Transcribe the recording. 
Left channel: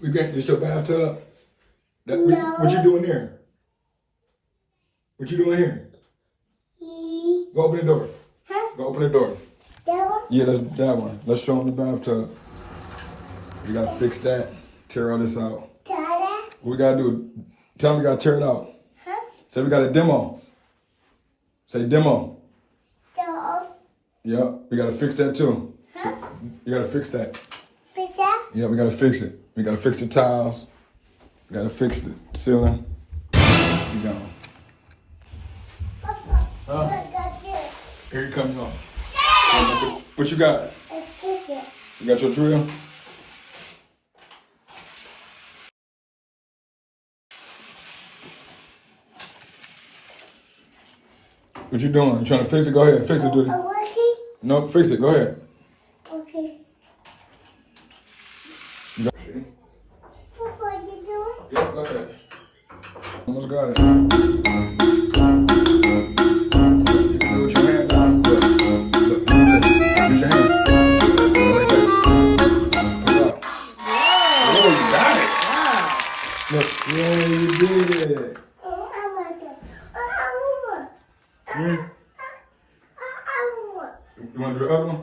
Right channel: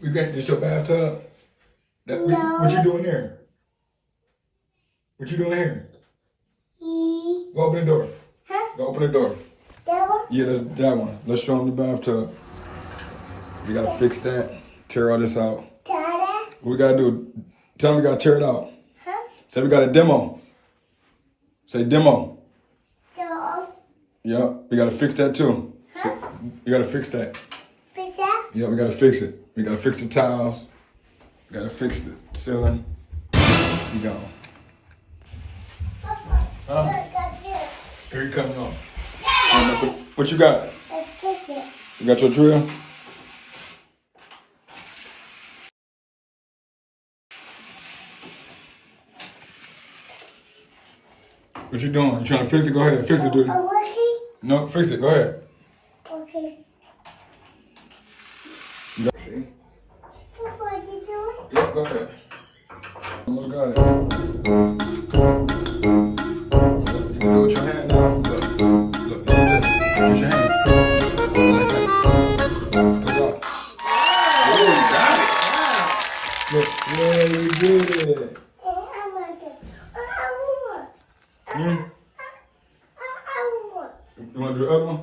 We got this your bathtub? No. What you doing there? What you doing here? Go open the door. Huh? Go open the door. That one? Yeah, that's that one. Let's show them the bathtub. We gotta fix that. Tear all this out. Dada? What we gotta do? Tell them we gotta tear it out. Huh? Say we got a demo. Say demo. Dog? Yep, we gotta fix that too. Huh? You gotta fix that. Fish that? Yeah, we gotta fix it. We gotta fix the tiles. We gotta fix the ceiling. You gone. Papa. Huh? Look at this. Here you come, y'all. What you got? Let's kiss it. You got your drill? What you doing? You trying to fix it? Go ahead. Fix it, dude. Working? No, fix it. Go ahead. Okay. You got Papa, you doing? Yep, go ahead. Almost got it. You can do it with your hand now. Look, look, use your hand. Oh, you got it. Look, yeah, you did it. I want it. I want. Hmm? I want. You want to do the other one?